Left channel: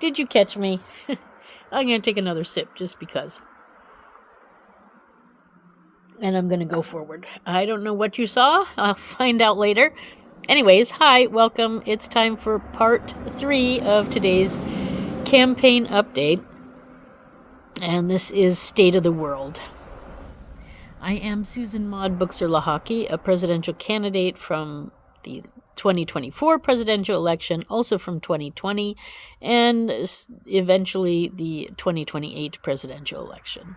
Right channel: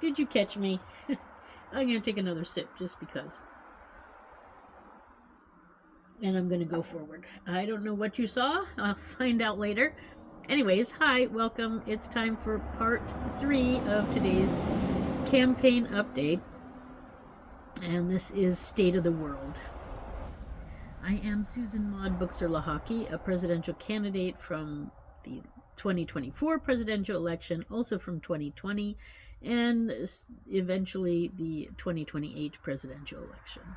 Did you catch me? I'm going to take another sip just because. And I'm going to go forward. I don't know what you saw. I'll find out later. Anyways, hi, welcome. It's time for part 3 of today's campaign update. And this is State of the World. I am Susan Maud Buchser-Lochocki, a presidential candidate from the 2024 presidential election, also from 2020, and eventually the 2028 presidential election.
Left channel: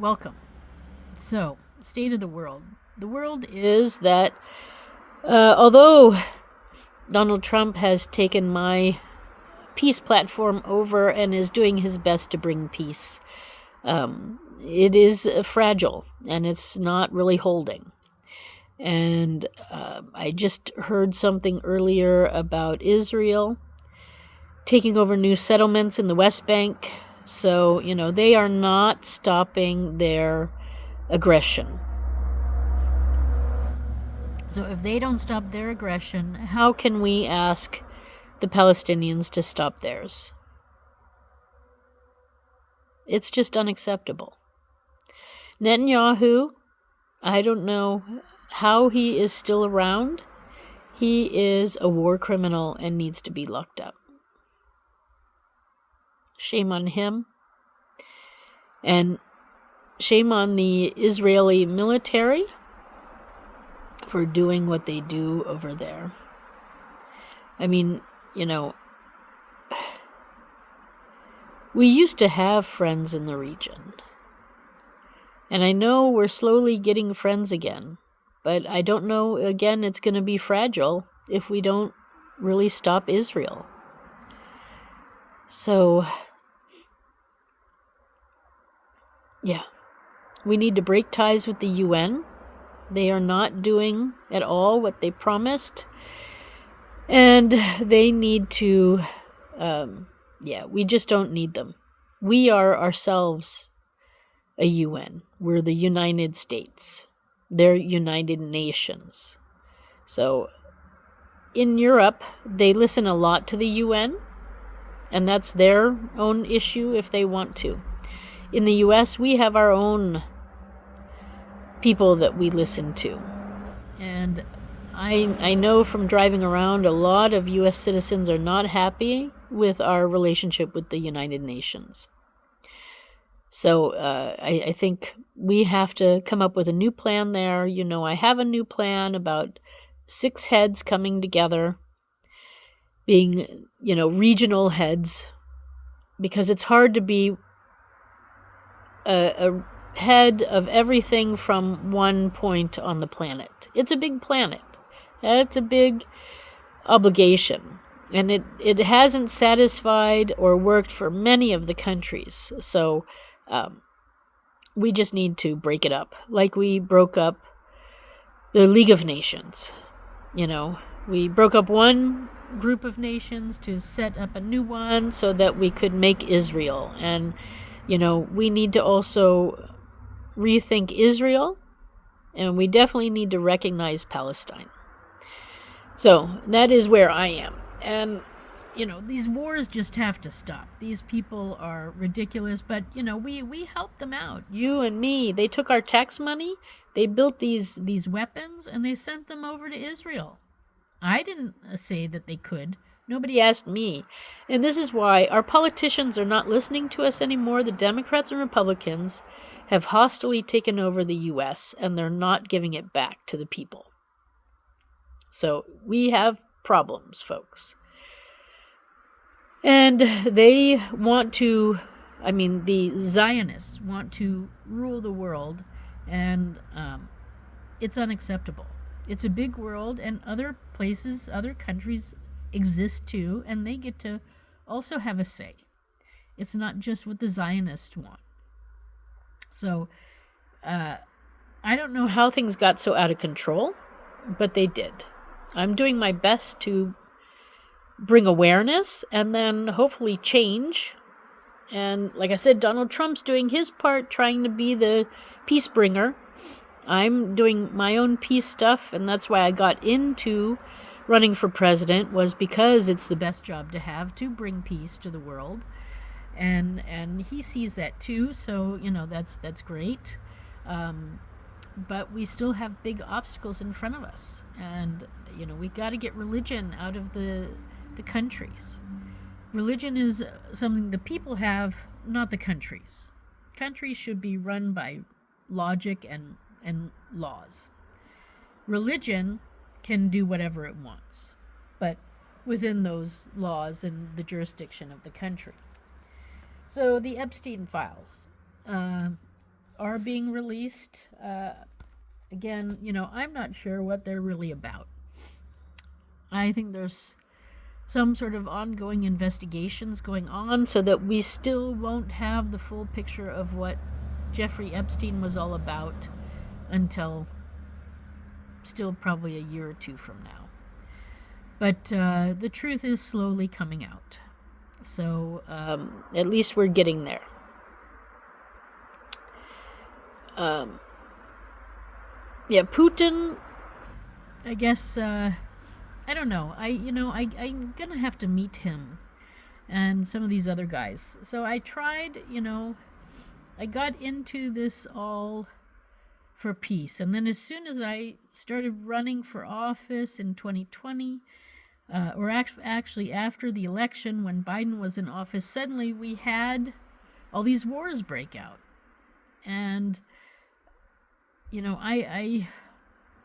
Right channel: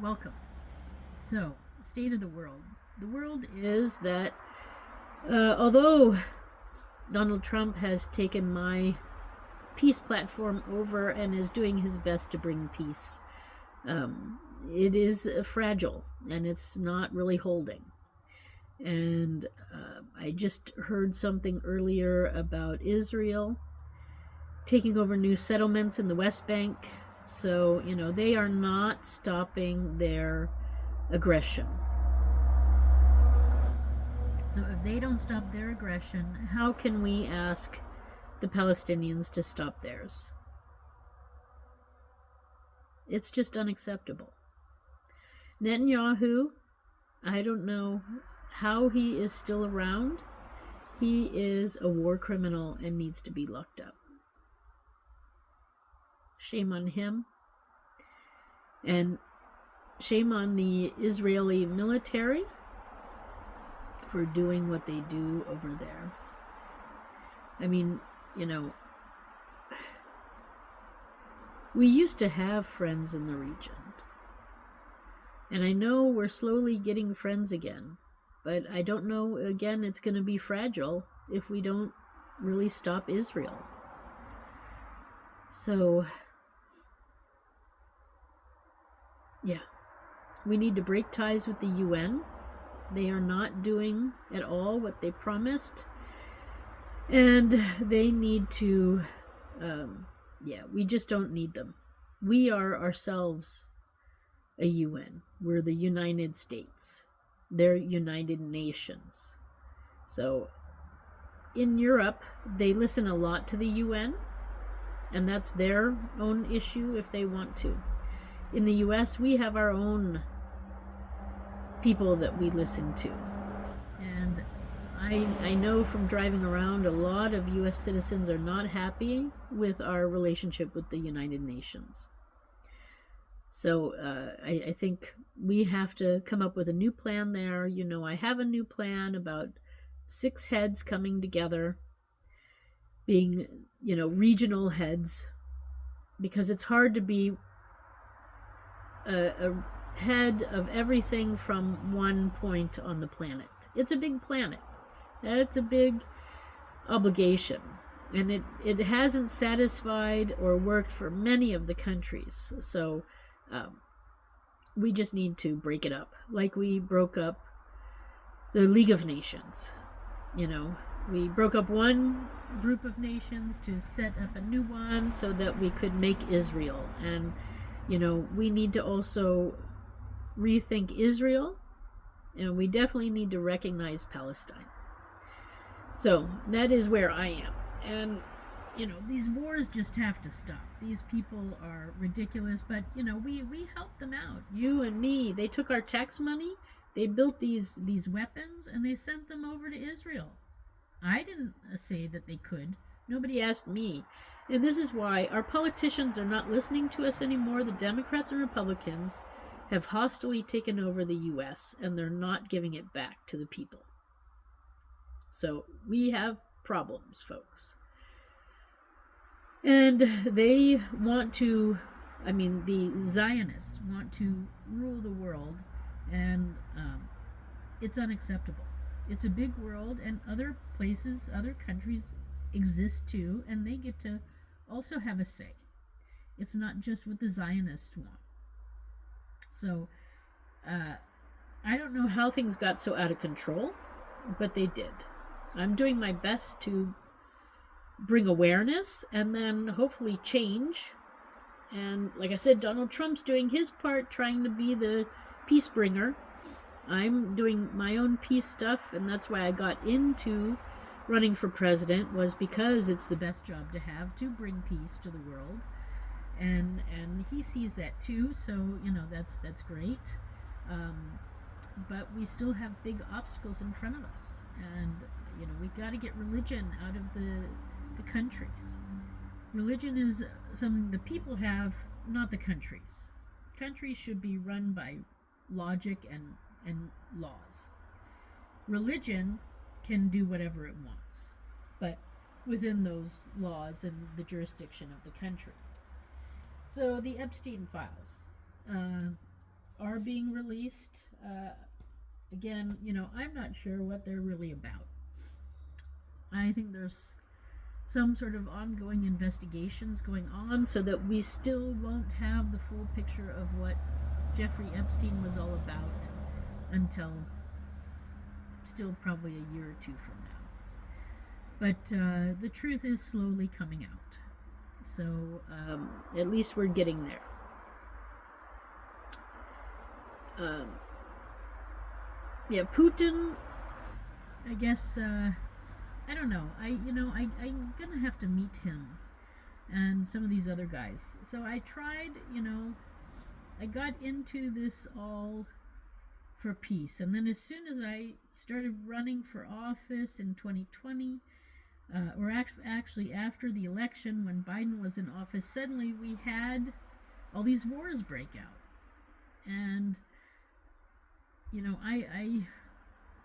Welcome. So, State of the World. The world is that although Donald Trump has taken my peace platform over and is doing his best to bring peace, it is fragile and it's not really holding. And I just heard something earlier about Israel taking over new settlements in the West Bank. So, they are not stopping their aggression. So if they don't stop their aggression, how can we ask the Palestinians to stop theirs? It's just unacceptable. Netanyahu, I don't know how he is still around. He is a war criminal and needs to be locked up. Shame on him. And shame on the Israeli military for doing what they do over there. I mean, we used to have friends in the region. And I know we're slowly getting friends again. But I don't know, again, it's going to be fragile if we don't really stop Israel. So, we need to break ties with the UN. They are not doing at all what they promised. And they need to, we just don't need them. We are ourselves a UN. We're the United States. They're United Nations. So, in Europe, they listen a lot to the UN. And that's their own issue if they want to. In the US, we have our own people that we listen to. And I know from driving around, a lot of US citizens are not happy with our relationship with the United Nations. So I think we have to come up with a new plan there. I have a new plan about 6 heads coming together, being, regional heads, because it's hard to be a head of everything from one point on the planet. It's a big planet. It's a big obligation. And it hasn't satisfied or worked for many of the countries. So we just need to break it up. Like we broke up the League of Nations. We broke up one group of nations to set up a new one so that we could make Israel. And, we need to also rethink Israel, and we definitely need to recognize Palestine. So that is where I am. And, these wars just have to stop. These people are ridiculous, but, we helped them out. You and me, they took our tax money, they built these weapons, and they sent them over to Israel. I didn't say that they could. Nobody asked me. And this is why our politicians are not listening to us anymore. The Democrats and Republicans have hostilely taken over the U.S., and they're not giving it back to the people. So we have problems, folks. And they want to, the Zionists want to rule the world, and it's unacceptable. It's a big world, and other places, other countries exist too, and they get to also have a say. It's not just what the Zionists want. So, I don't know how things got so out of control, but they did. I'm doing my best to bring awareness and then hopefully change. And like I said, Donald Trump's doing his part, trying to be the peace bringer. I'm doing my own peace stuff, and that's why I got into running for president was because it's the best job to have, to bring peace to the world. And he sees that too, so that's great. But we still have big obstacles in front of us, and we got to get religion out of the countries. Religion is something the people have, not the countries. Countries should be run by logic and laws. Religion can do whatever it wants, but within those laws and the jurisdiction of the country. So the Epstein files are being released. Again, I'm not sure what they're really about. I think there's some sort of ongoing investigations going on so that we still won't have the full picture of what Jeffrey Epstein was all about until still probably a year or two from now. But the truth is slowly coming out. So at least we're getting there. Putin, I guess, I don't know. I'm gonna have to meet him and some of these other guys. So I tried, I got into this all for peace. And then as soon as I started running for office in 2020, or actually after the election when Biden was in office, suddenly we had all these wars break out. And,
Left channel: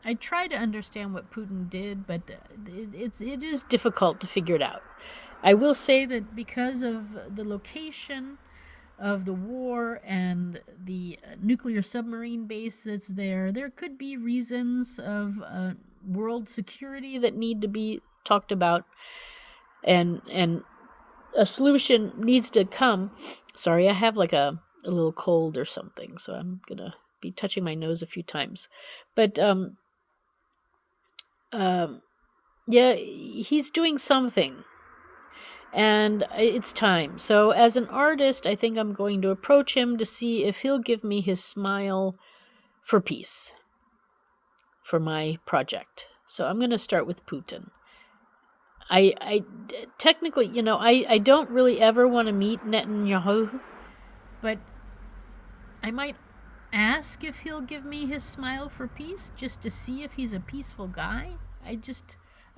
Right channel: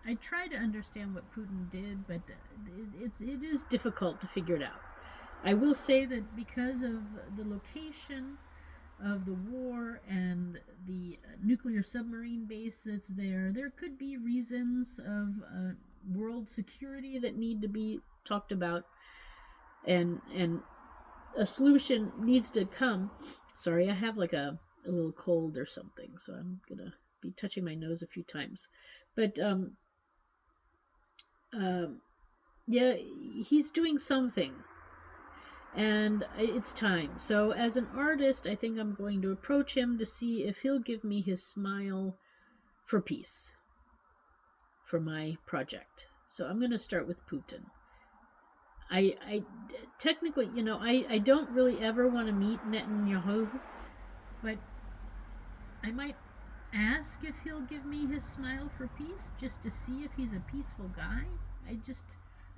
I try to understand what Putin did, but it is difficult to figure it out. I will say that because of the location of the war and the nuclear submarine base that's there could be reasons of world security that need to be talked about, and a solution needs to come. Sorry, I have like a little cold or something, so I'm gonna be touching my nose a few times. But he's doing something, and it's time. So as an artist, I think I'm going to approach him to see if he'll give me his smile for peace for my project. So I'm going to start with Putin. I technically, I don't really ever want to meet Netanyahu, but I might ask if he'll give me his smile for peace, just to see if he's a peaceful guy. I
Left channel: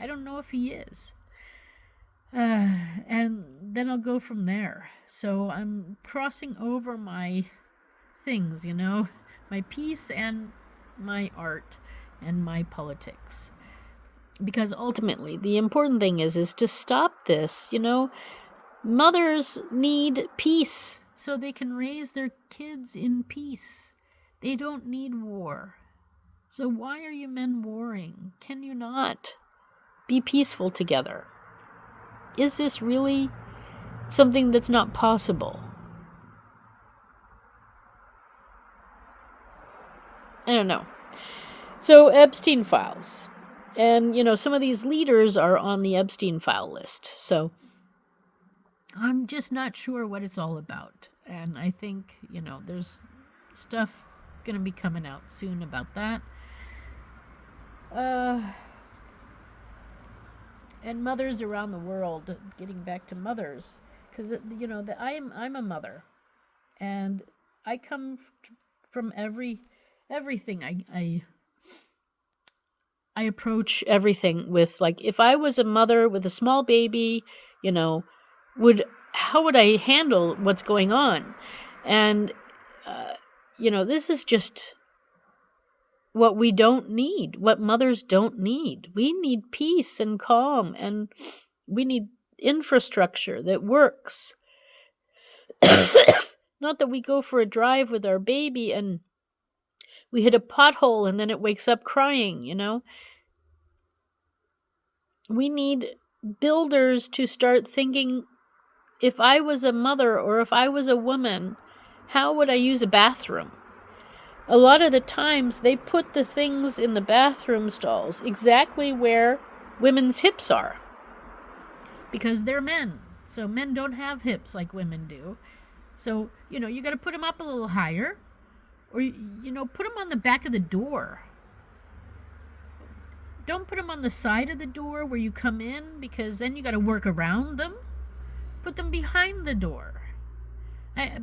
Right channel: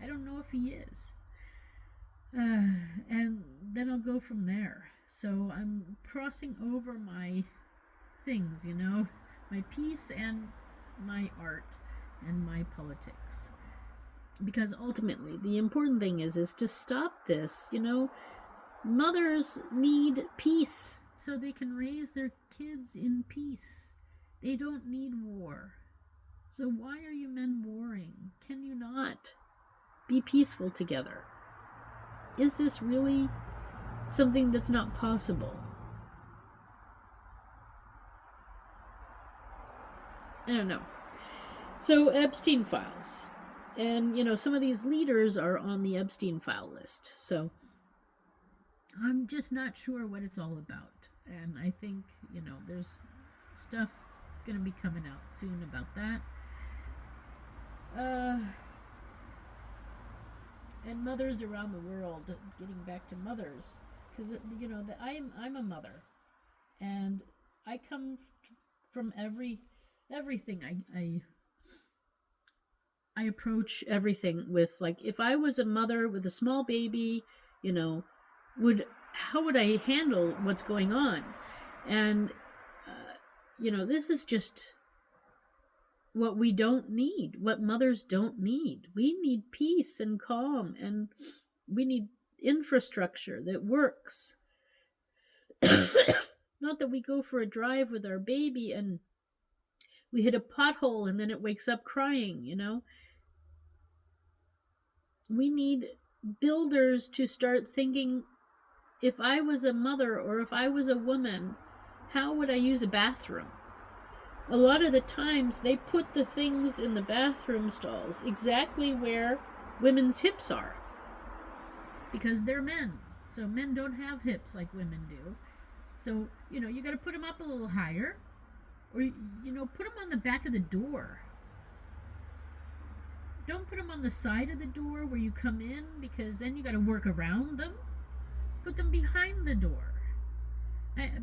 don't know if he is. And then I'll go from there. So I'm crossing over my things, my peace and my art and my politics. Because ultimately, the important thing is to stop this, Mothers need peace so they can raise their kids in peace. They don't need war. So why are you men warring? Can you not be peaceful together? Is this really something that's not possible? I don't know. So Epstein files. And, some of these leaders are on the Epstein file list. So I'm just not sure what it's all about. And I think, there's stuff going to be coming out soon about that. And mothers around the world, getting back to mothers, because I'm a mother, and I come from everything. I approach everything with, like, if I was a mother with a small baby, how would I handle what's going on? And this is just what we don't need, what mothers don't need. We need peace and calm, and we need infrastructure that works. Not that we go for a drive with our baby and we hit a pothole and then it wakes up crying, We need builders to start thinking, if I was a mother or if I was a woman, how would I use a bathroom? A lot of the times they put the things in the bathroom stalls exactly where women's hips are, because they're men. So men don't have hips like women do. So, you got to put them up a little higher, or, put them on the back of the door. Don't put them on the side of the door where you come in, because then you got to work around them. Put them behind the door.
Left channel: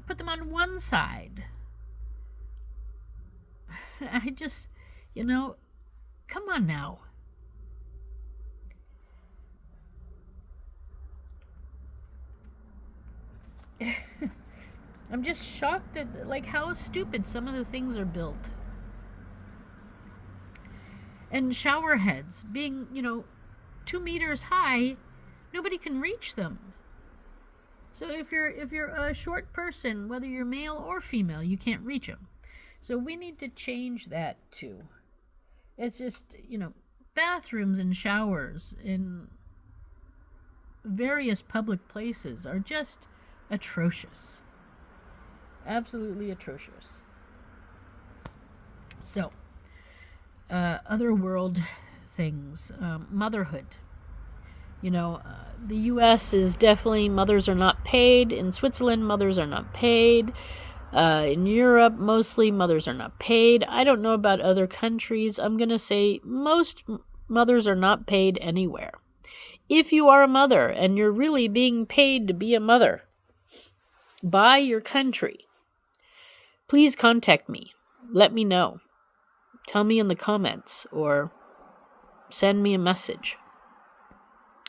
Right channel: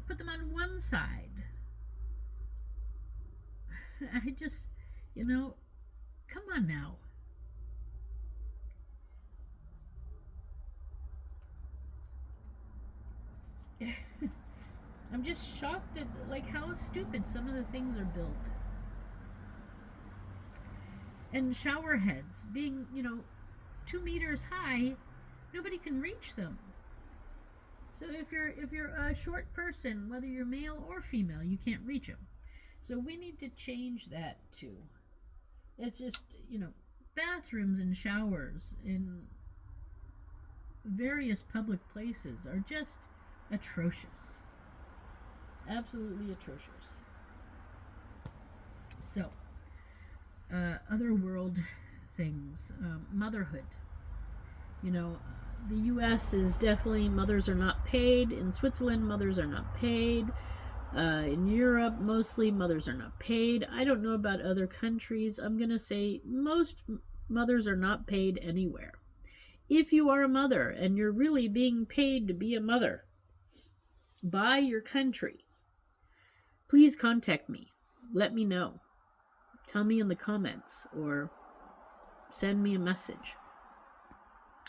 Put them on one side. I just, come on now. I'm just shocked at how stupid some of the things are built. And shower heads being, 2 meters high, nobody can reach them. So if you're a short person, whether you're male or female, you can't reach them. So we need to change that too. It's just, bathrooms and showers in various public places are just atrocious. Absolutely atrocious. So, other world things, motherhood. The U.S. is definitely, mothers are not paid. In Switzerland, mothers are not paid. In Europe, mostly mothers are not paid. I don't know about other countries. I'm going to say most mothers are not paid anywhere. If you are a mother and you're really being paid to be a mother by your country, please contact me. Let me know. Tell me in the comments or send me a message.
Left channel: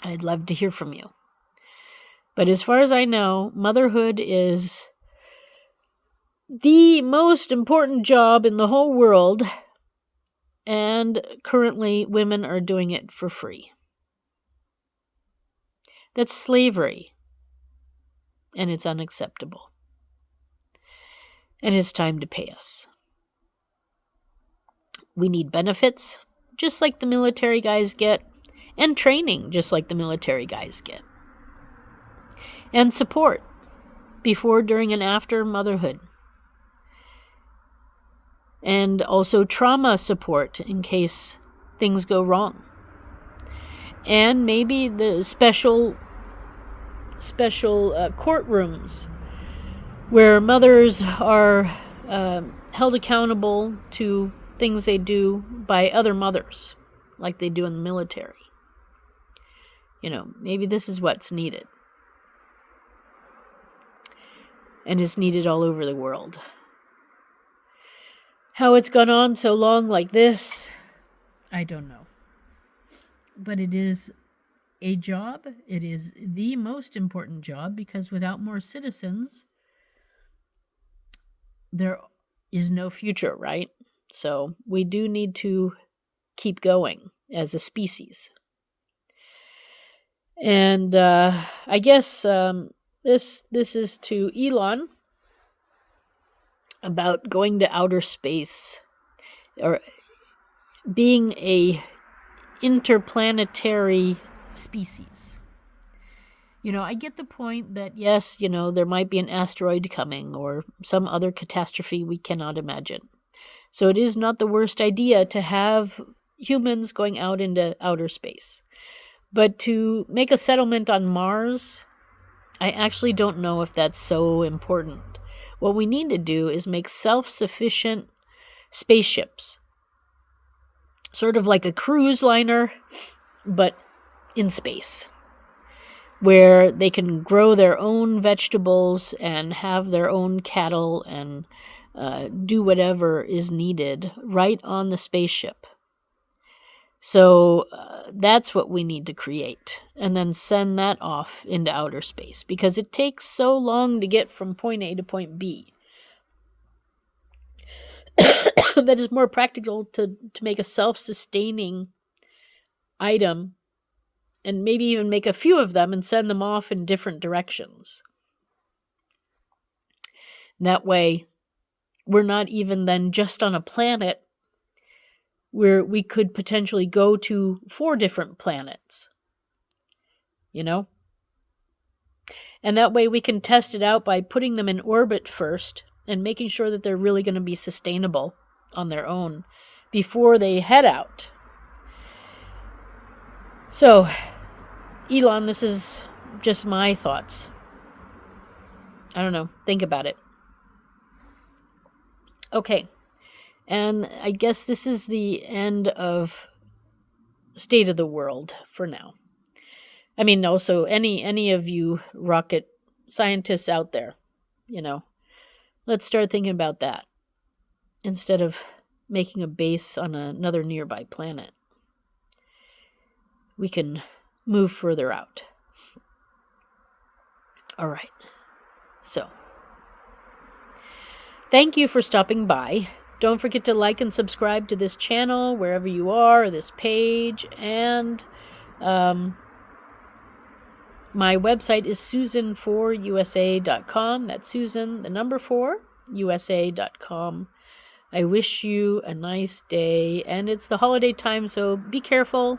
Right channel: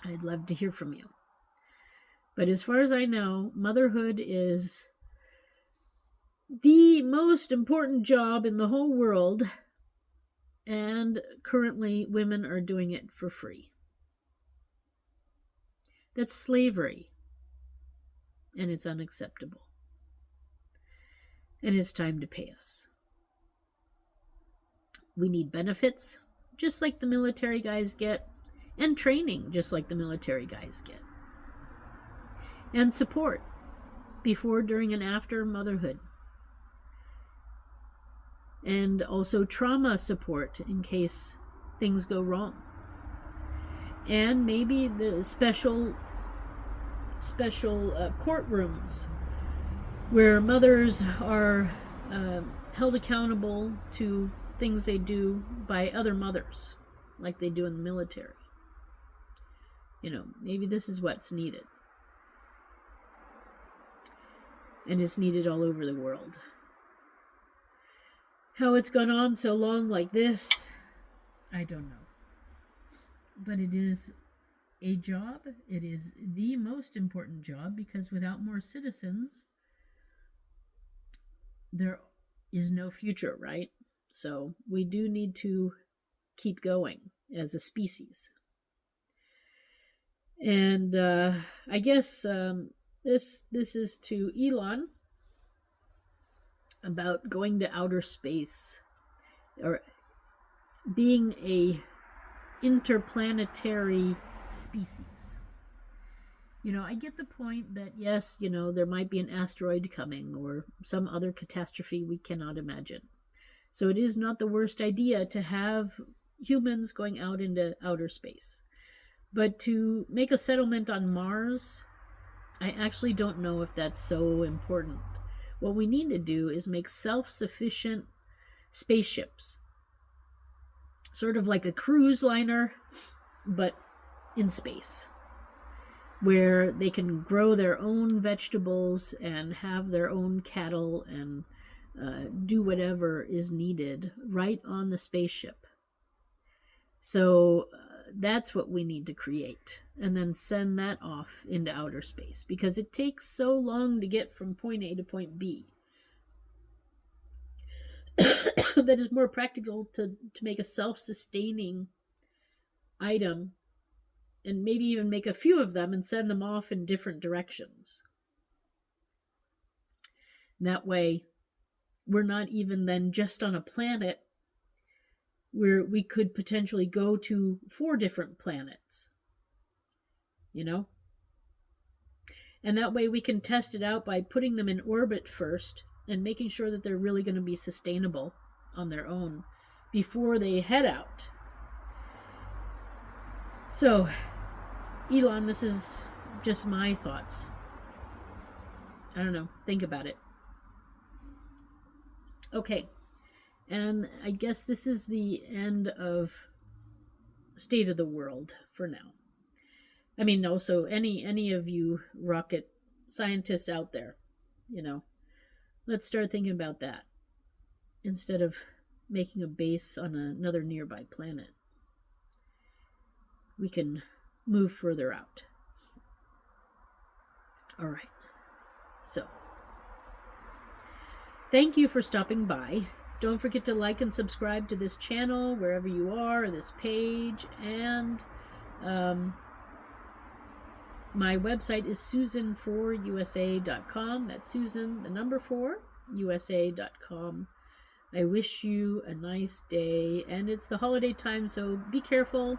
I'd love to hear from you. But as far as I know, motherhood is the most important job in the whole world, and currently women are doing it for free. That's slavery, and it's unacceptable. And it's time to pay us. We need benefits, just like the military guys get, and training, just like the military guys get. And support before, during, and after motherhood. And also trauma support in case things go wrong. And maybe the special courtrooms where mothers are held accountable to things they do by other mothers, like they do in the military. Maybe this is what's needed. And it's needed all over the world. How it's gone on so long like this, I don't know. But it is a job. It is the most important job, because without more citizens, there is no future, right? So we do need to keep going as a species. And I guess this is to Elon about going to outer space, or being a interplanetary species. I get the point that yes, there might be an asteroid coming or some other catastrophe we cannot imagine. So it is not the worst idea to have humans going out into outer space. But to make a settlement on Mars, I actually don't know if that's so important. What we need to do is make self-sufficient spaceships. Sort of like a cruise liner, but in space. Where they can grow their own vegetables and have their own cattle and do whatever is needed right on the spaceship. So that's what we need to create, and then send that off into outer space, because it takes so long to get from point A to point B that is more practical to make a self-sustaining item, and maybe even make a few of them and send them off in different directions. That way, we're not even then just on a planet where we could potentially go to 4 different planets. And that way we can test it out by putting them in orbit first and making sure that they're really going to be sustainable on their own before they head out. So, Elon, this is just my thoughts. I don't know. Think about it. Okay. And I guess this is the end of state of the world for now. I mean, also any of you rocket scientists out there, let's start thinking about that instead of making a base on another nearby planet. We can move further out. All right. So, thank you for stopping by. Don't forget to like and subscribe to this channel wherever you are, or this page, and my website is susan4usa.com. That's Susan, the number 4, usa.com. I wish you a nice day, and it's the holiday time, so be careful.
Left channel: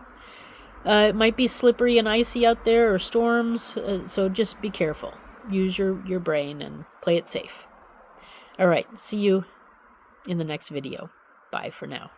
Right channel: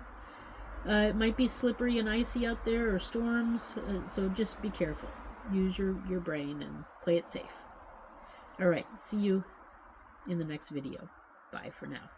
It might be slippery and icy out there, or storms, so just be careful. Use your brain and play it safe. All right, see you in the next video. Bye for now.